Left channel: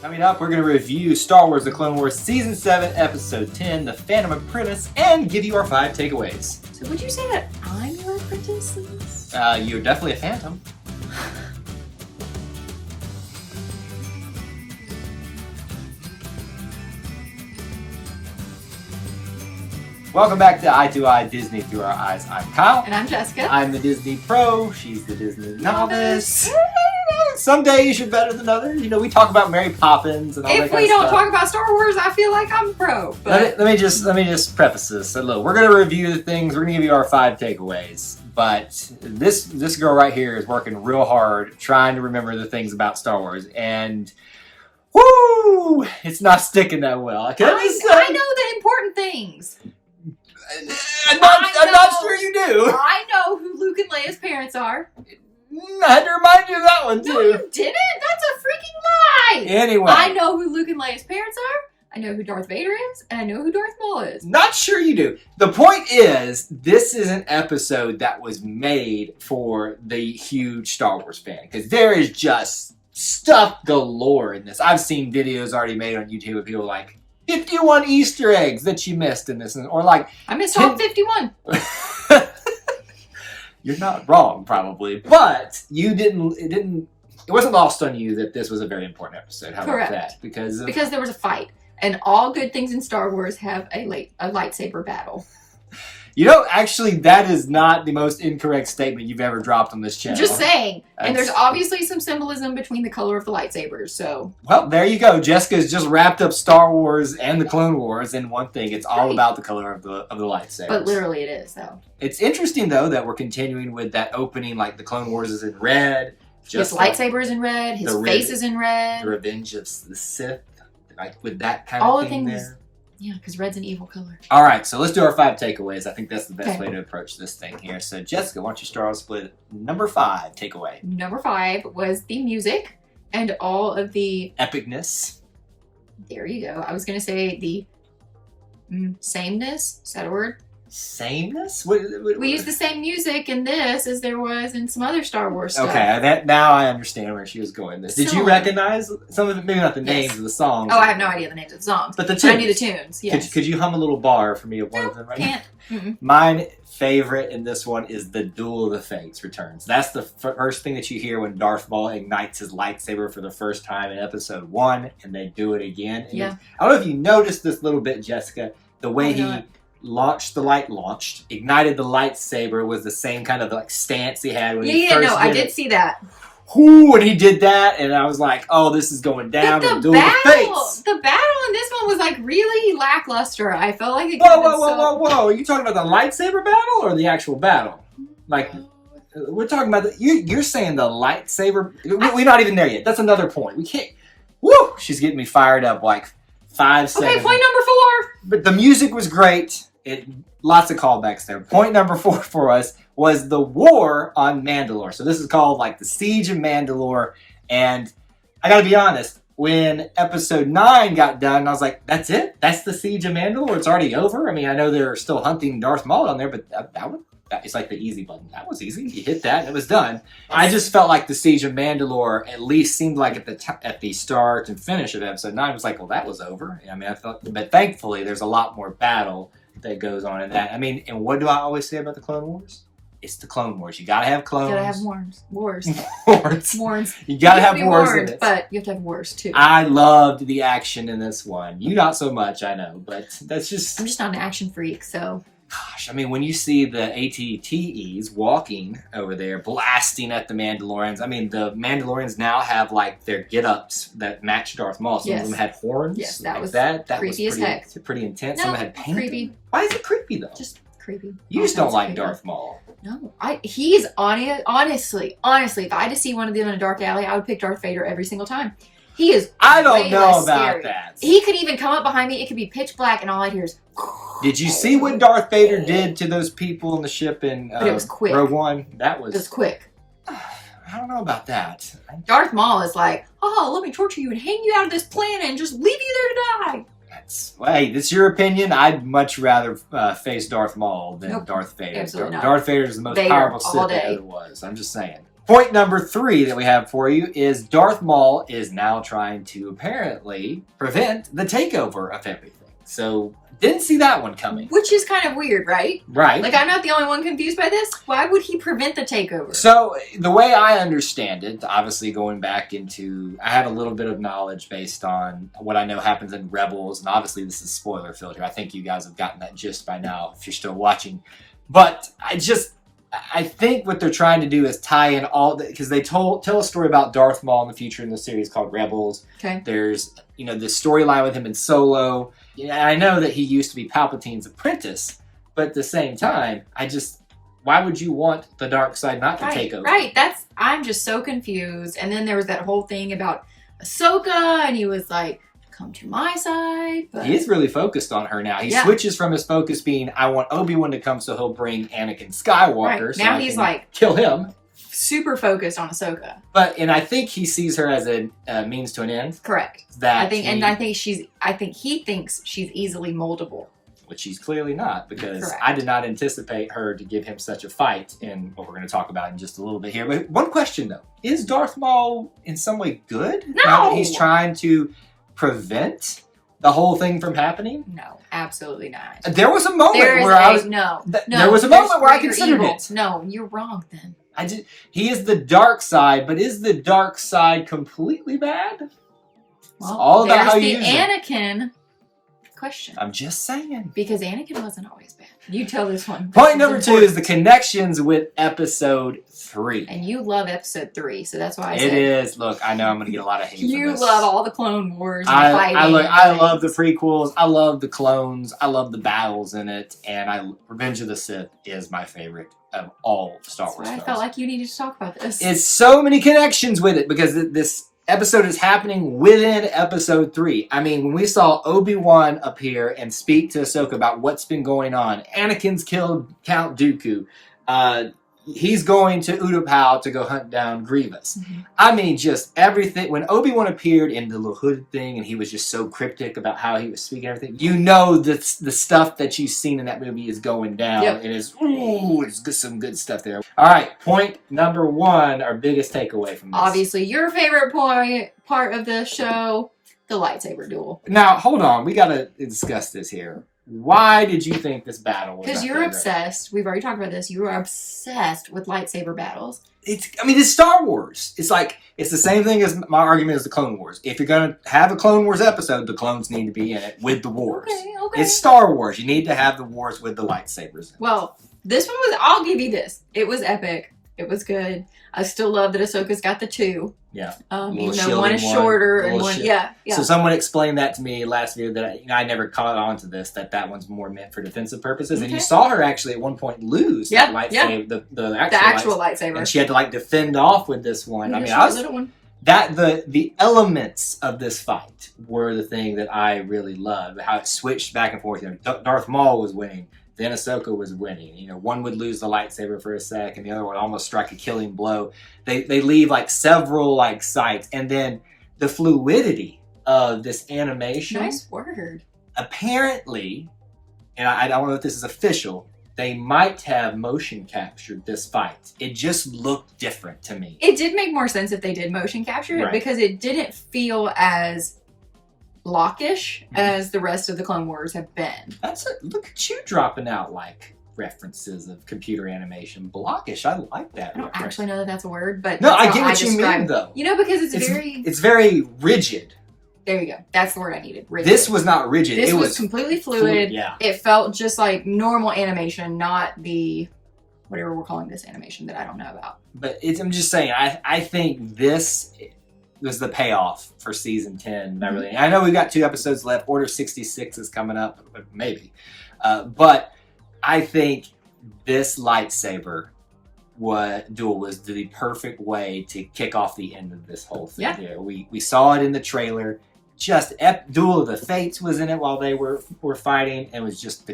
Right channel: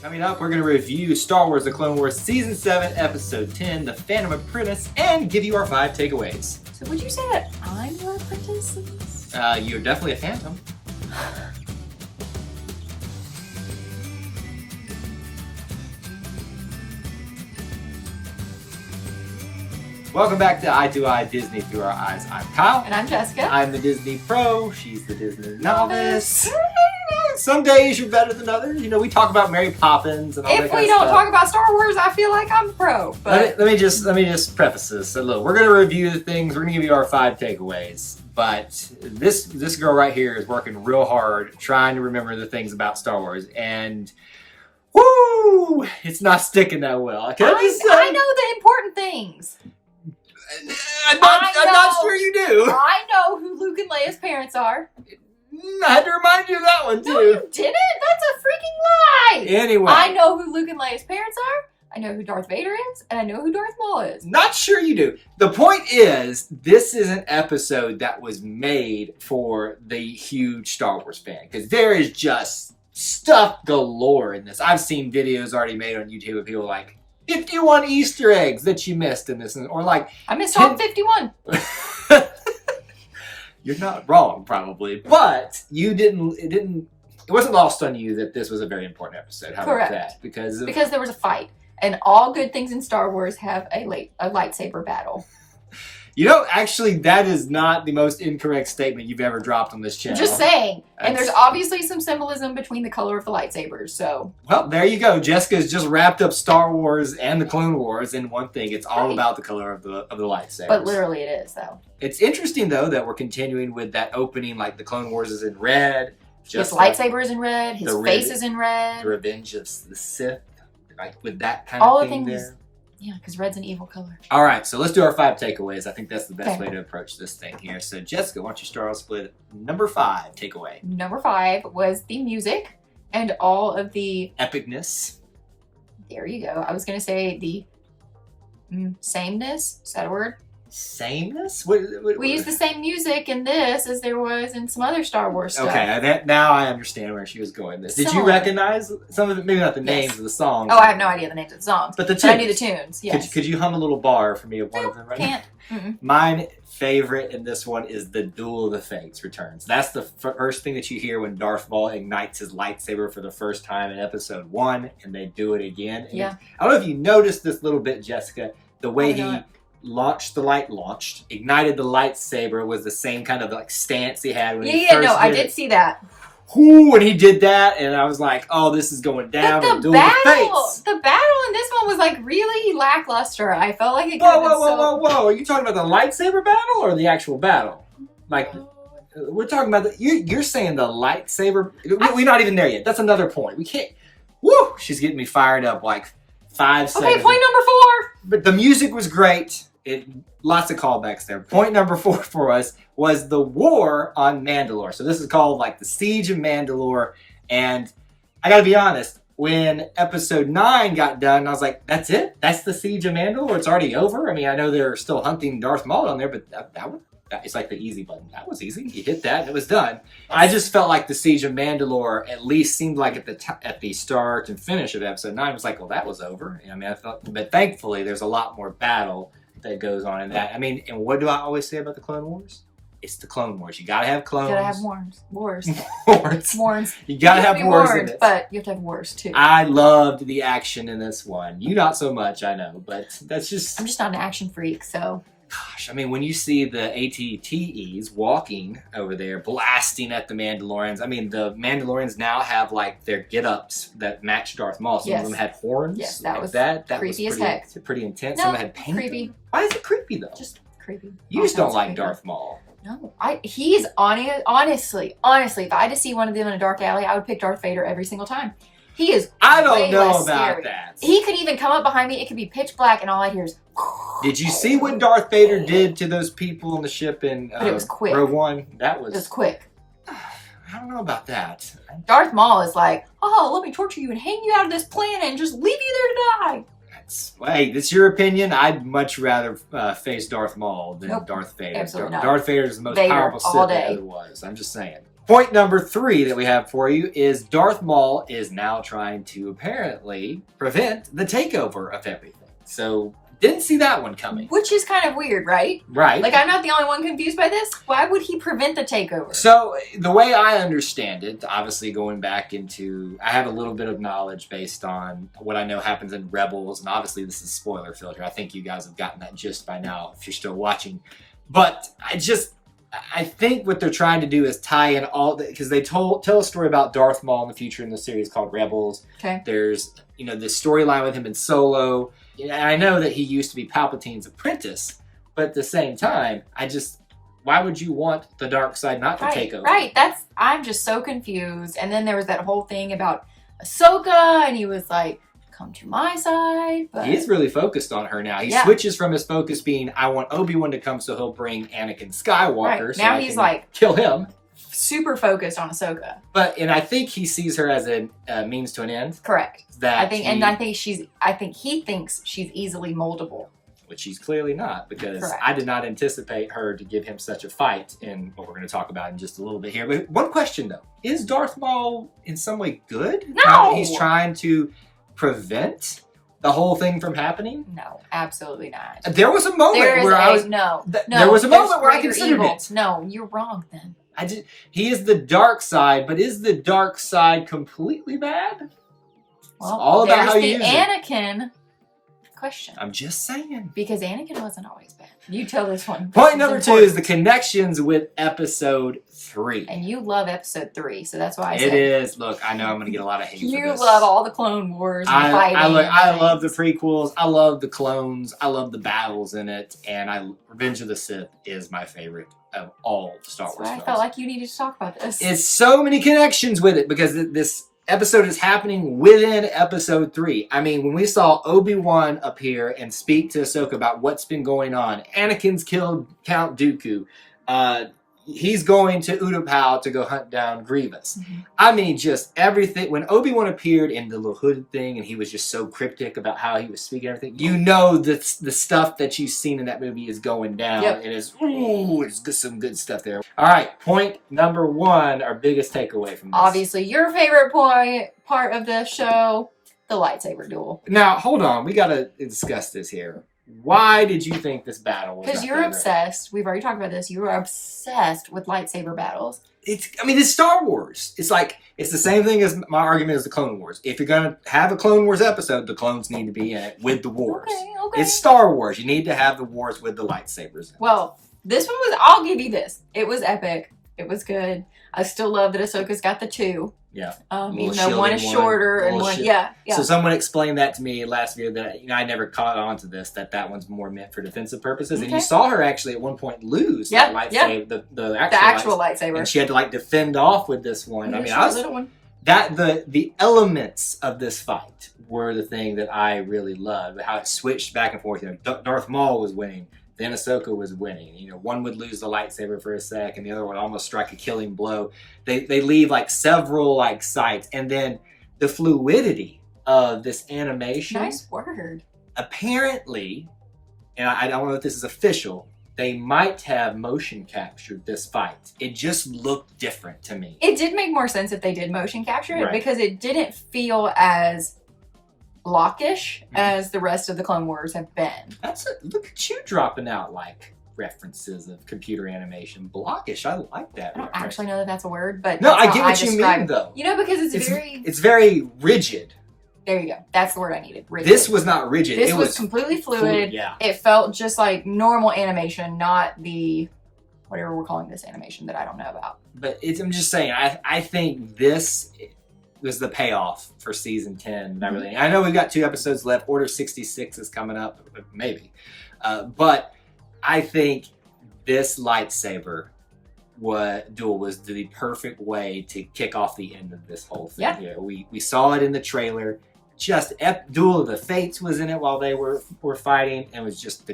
Coming up, we're going to review Star Wars The Clone Wars Season 7, Episode 10, The Phantom Apprentice, and give you our 5 takeaways. So would you say that I'm your apprentice in this? You're definitely a Phantom. Welcome back to Eye to Eye Disney Through Our Eyes. I'm Kyle. And I'm Jessica. I'm the Disney Pro. She's the Disney Novice. Some days you're better than others. You know, we talk about Mary Poppins and all that kind of stuff. If we don't talk about Star Wars, I feel like I'm pro. But... Let me just preface this. So look, we're going to review the things. We're going to give you our 5 takeaways. But this girl right here is working real hard trying to remember the things about Star Wars. And, whoo, it's not sticking that well. I know the important things. I'm not sure you do. I know who Luke and Leia's parents are. I had to remind you of that one, too. No, you didn't. That's a freaking lie. Anyway. I know who Luke and Leia's parents are. I know who Darth Vader is. And I know who Darth Maul is. Not sure you do. The point is, this is an episode that was made for the huge Star Wars fan. Because there is just stuff galore in this. I've seen videos already made on YouTube of people like, 51 Easter eggs that you missed in this. Or like... I missed all 51. You're not wrong, probably, but it wasn't lost on you that this was a very important episode. How Correct. About that? Because there was a fight, and all good things in Star Wars have a lightsaber battle. You know, actually, that is not the most incorrect statement you've ever dropped on this channel. Just saying. And there's obviously some symbolism between the color of the lightsabers, so... Well, there you go. Jessica's just wrapped up Star Wars and the Clone Wars in one thing. It's all about the color of the lightsabers. But literally it is, though. It's interesting, though, that we're continuing with that opening, like the Clone Wars is in red. His lightsaber is in red. His face is in red. The Revenge of the Sith, like with that kind of thing there. Yeah, because red's an evil color. All right, so let's do our 5 takeaways. I think that's the best way to approach this thing here. So, Jessica, why don't you start off with number 5 takeaway? Number 5 was the music and all of the... epicness. There you go. I was going to say the sameness. Is that a word? Sameness? We use the same music in this as there was in some other Star Wars stuff. Okay, now I understand where she was going. Did you recognize some of it? Maybe not the names of the songs. Oh, I have no idea the names of the songs. But the tunes. But I knew the tunes, yes. Could you hum a little bar for me of one of them right now? Can't. Mine favorite in this one is the Duel of the Fates returns. That's the first thing that you hear when Darth Maul ignites his lightsaber for the first time in episode 1, and they do it again. And I don't know if you noticed this little bit, Jessica, the way he... ignited the lightsaber was the same kind of like stance he had when he first did I did see that. Ooh, and he did that, and I was like, oh, this is going down. But the battle in this one was like really lackluster. I felt like it Whoa. Are you talking about the lightsaber battle or the actual battle? Like, we're talking about you're saying the lightsaber. We're not even there yet. That's another point. We can't. Woo! She's getting me fired up like 5 seconds. Okay, point number 4. But the music was great. Lots of callbacks there. Point number 4 for us was the war on Mandalore. So this is called like the Siege of Mandalore. And I gotta be honest, when episode 9 got done, I was like, that's it? That's the Siege of Mandalore? It's already over? I mean, I know they're still hunting Darth Maul on there, but it's like the easy button. That was easy. You hit that and it was done. I just felt like the Siege of Mandalore at least seemed like at the start and finish of episode 9 was like, well, that was over. I mean, but thankfully there's a lot more battle that goes on in that. I mean, and what do I always say about the Clone Wars? It's the Clone Wars. You gotta have clones. You gotta have wars. Wars. You gotta have wars in it. But you have to have wars too. I loved the action in this one. You not so much, I know, but that's just... I'm just not an action freak, so... Gosh, I mean, when you see the ATTEs walking over there, blasting at the Mandalorians, I mean, the Mandalorians now have, like, their get-ups that match Darth Maul. Some of them had horns. Yes, that was creepy as heck. Pretty intense. No, some had paint. Creepy. Why is it creepy, though? Just creepy. You just don't like Darth Maul. No, he's honestly, if I had to see one of them in a dark alley, I would pick Darth Vader every single time. He is I don't know about that. He could even come up behind me. It could be pitch black, and all I'd hear is... Did you see what Darth Vader did to those people in the ship in it was quick. Rogue One? It was quick. I don't know about that. Darth Maul is like, oh, let me torture you and hang you out of this planet and just leave you there to die. Hey, that's your opinion. I'd much rather face Darth Maul than Darth Vader. Absolutely not. Darth Vader is the most powerful Sith there ever was. I'm just saying. Point number 3 that we have for you is Darth Maul is now trying to apparently prevent the takeover of everything. So, didn't see that one coming. Which is kind of weird, right? Right. Like, I'm not the only one confused by this. Why would he prevent the takeover? So, the way I understand it, obviously going back into, I have a little bit of knowledge based on what I know happens in Rebels, and obviously this is spoiler filter. I think you guys have gotten that gist by now if you're still watching. But I think what they're trying to do is tie in all because they tell a story about Darth Maul in the future in the series called Rebels. Okay. There's this storyline with him in Solo. I know that he used to be Palpatine's apprentice, but at the same time, why would you want the dark side not to take over? Right. I'm just so confused. And then there was that whole thing about Ahsoka, and he was like, come to my side. But he is really focused on her now. He switches from his focus being, I want Obi-Wan to come so he'll bring Anakin Skywalker. Right. So now I he's can like kill him. Super focused on Ahsoka. And I think he sees her as a means to an end. Correct. I think he thinks she's easily moldable. Which she's clearly not, because Correct. I did not anticipate her to give him such a fight in what we're going to talk about in just a little bit here. But one question though, is Darth Maul in some way good? No! Now that he's trying to prevent the whole thing from happening? No, absolutely not. There was a moment where there was a moment where I considered it. No, you're wrong then. He is the dark side, but is the dark side completely bad? Well, it's all about how you use it. Anakin question. I'm just saying. Because Anakin wasn't always bad. You tell this one. Point number 2 is the connections with episode 3. And you love episode 3, so that's why I said it is. Look, I know I'm going to get a lot of hate for this. You love all the Clone Wars and fighting. I love the prequels. I love the clones. I love the battles in it. And Revenge of the Sith is my favorite of all the Star Wars films. I felt like you needed to talk about this. It's so many connections with it because this episode is happening within episode 3. I mean, when we saw Obi-Wan appear and speak to Ahsoka about what's been going on, Anakin's killed Count Dooku. He's going to Utapau to go hunt down Grievous. Mm-hmm. I mean, just everything. When Obi-Wan appeared in the little hooded thing and he was just so cryptic about how he was speaking everything, the stuff that you've seen in that movie is going down. Yep. It's some good stuff there. All right, point number 1, our biggest takeaway from this. Obviously, your favorite part of the show, the lightsaber duel. Now, hold on. We got to discuss this here. Why did you think this battle was because you're obsessed. We've already talked about this. You are obsessed with lightsaber battles. It's Star Wars. It's the same thing as my argument as the Clone Wars. If you're going to have a Clone Wars episode, the clones need to be in it with the wars. Okay. It's Star Wars. You need to have the wars with the lightsabers. Well, this one was, I'll give you this. It was epic. It was good. I still love that Ahsoka's got the 2. Yeah. Even though one is shorter and one, yeah. So someone explained that to me last video that I never caught on to this, that one's more meant for defensive purposes. Okay. And you saw her actually at one point lose that lightsaber, the actual lightsaber. And she had to defend off with this one. I mean, the elements of this fight were the thing that I really loved. How it switched back and forth. Darth Maul was winning. Then Ahsoka was winning. One would lose the lightsaber for a sec, and the other would almost strike a killing blow. They leave several sights, and then the fluidity of this animation. Nice word. Apparently, and I don't know if this is official, they might have motion captured this fight. It just looked different to me. It did make more sense if they did motion capture it because it didn't feel as blockish as the rest of the Clone Wars have been. Look at you dropping out references of computer animation. Blockish, I like that. I don't actually know that that's a word, but no, I get what you mean though. Because it's very rigid. There you go. That's the word I needed. Rigid. This was not rigid. This was completely fluid. Yeah. It felt just like normal animation, not the whatever we're calling this animation that I don't know about. But I'm just saying, I think this was the payoff for season 10. I know we've got 2 episodes left. Order 66 is coming up, maybe. But I think this lightsaber duel was the perfect way to kick off the end of this whole thing. Yeah. We saw it in the trailer. Just Duel of the Fates was in it while they were fighting. It was just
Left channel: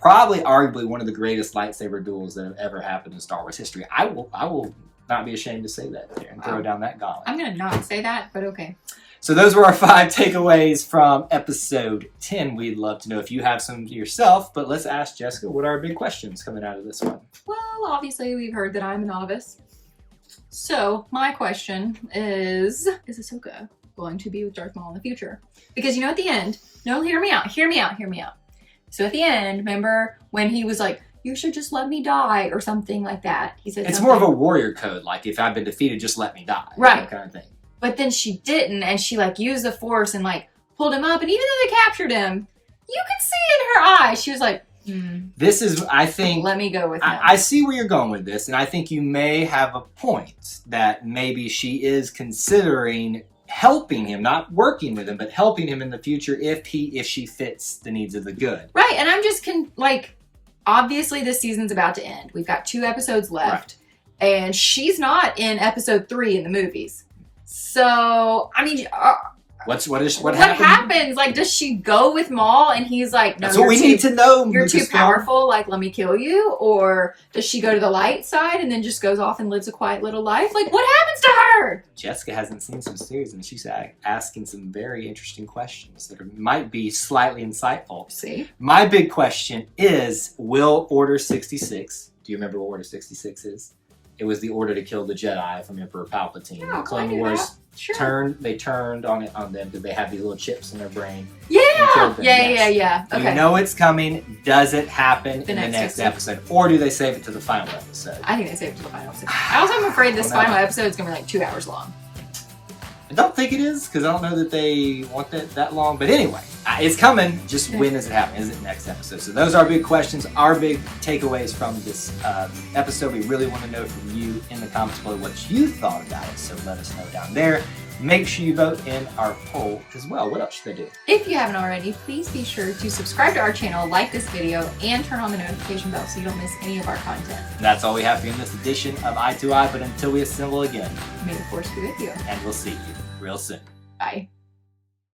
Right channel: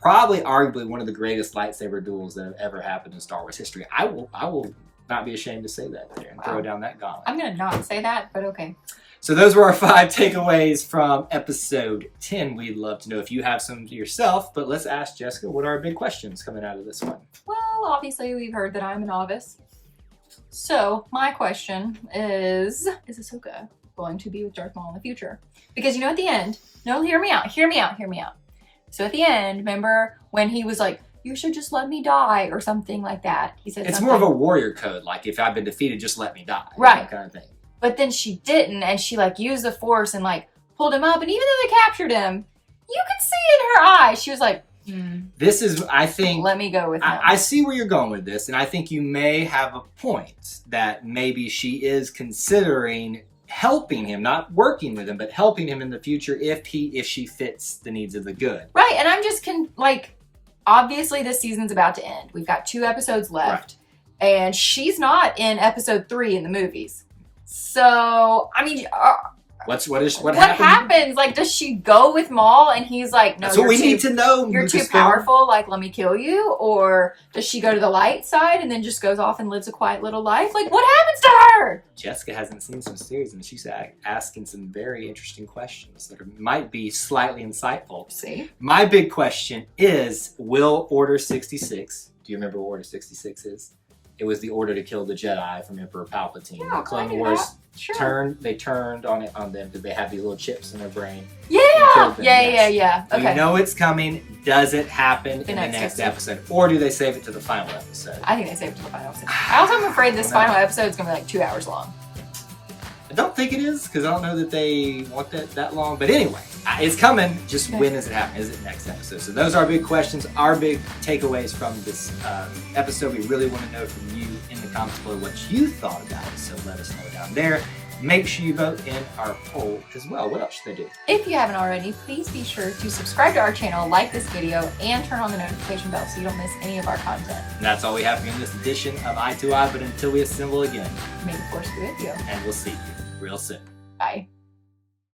probably arguably one of the greatest lightsaber duels that have ever happened in Star Wars history. I will not be ashamed to say that there and throw down that gauntlet. I'm going to not say that, but okay. So those were our 5 takeaways from episode 10. We'd love to know if you have some yourself, but let's ask Jessica, what are our big questions coming out of this one? Well, obviously we've heard that I'm a novice. So my question is Ahsoka going to be with Darth Maul in the future? Because at the end, no, hear me out. So at the end, remember when he was like, you should just let me die or something like that. He said it's something. more of a warrior code, like if I've been defeated, just let me die. Right. Kind of thing. But then she didn't, and she like used the force and like pulled him up, and even though they captured him, you could see in her eyes, she was like, this is, I think, let me go with him. I see where you're going with this, and I think you may have a point that maybe she is considering helping him, not working with him, but helping him in the future if she fits the needs of the good. Right, and I'm just obviously this season's about to end. We've got 2 episodes left, and she's not in episode 3 in the movies. So, I mean, what happens? Like, does she go with Maul and he's like, no, that's what we need to know. You're too powerful, like, let me kill you? Or does she go to the light side and then just goes off and lives a quiet little life? Like, what happens to her? Jessica hasn't seen some series, and she's asking some very interesting questions that might be slightly insightful. See? My big question is, will Order 66, do you remember what Order 66 is? It was the order to kill the Jedi from Emperor Palpatine. Yeah, the Clone Wars turned on them because they have these little chips in their brain. Yeah. Yes. Yeah. Okay. You know it's coming. Does it happen in the next episode? Or do they save it to the final episode? I think they save it to the final episode. I also am afraid this final episode is going to be like 2 hours long. I don't think it is, because I don't know that they want that long. But anyway, it's coming. Just when is it happening? Is it next episode? So those are our big questions, our big takeaways from this episode. We really want to know from you in the comments below what you thought about it. So let us know down there. Make sure you vote in our poll as well. What else should they do? If you haven't already, please be sure to subscribe to our channel, like this video, and turn on the notification bell so you don't miss any of our content. And that's all we have for you in this edition of Eye to Eye. But until we assemble again, May the Force be with you. and we'll see you real soon. Bye.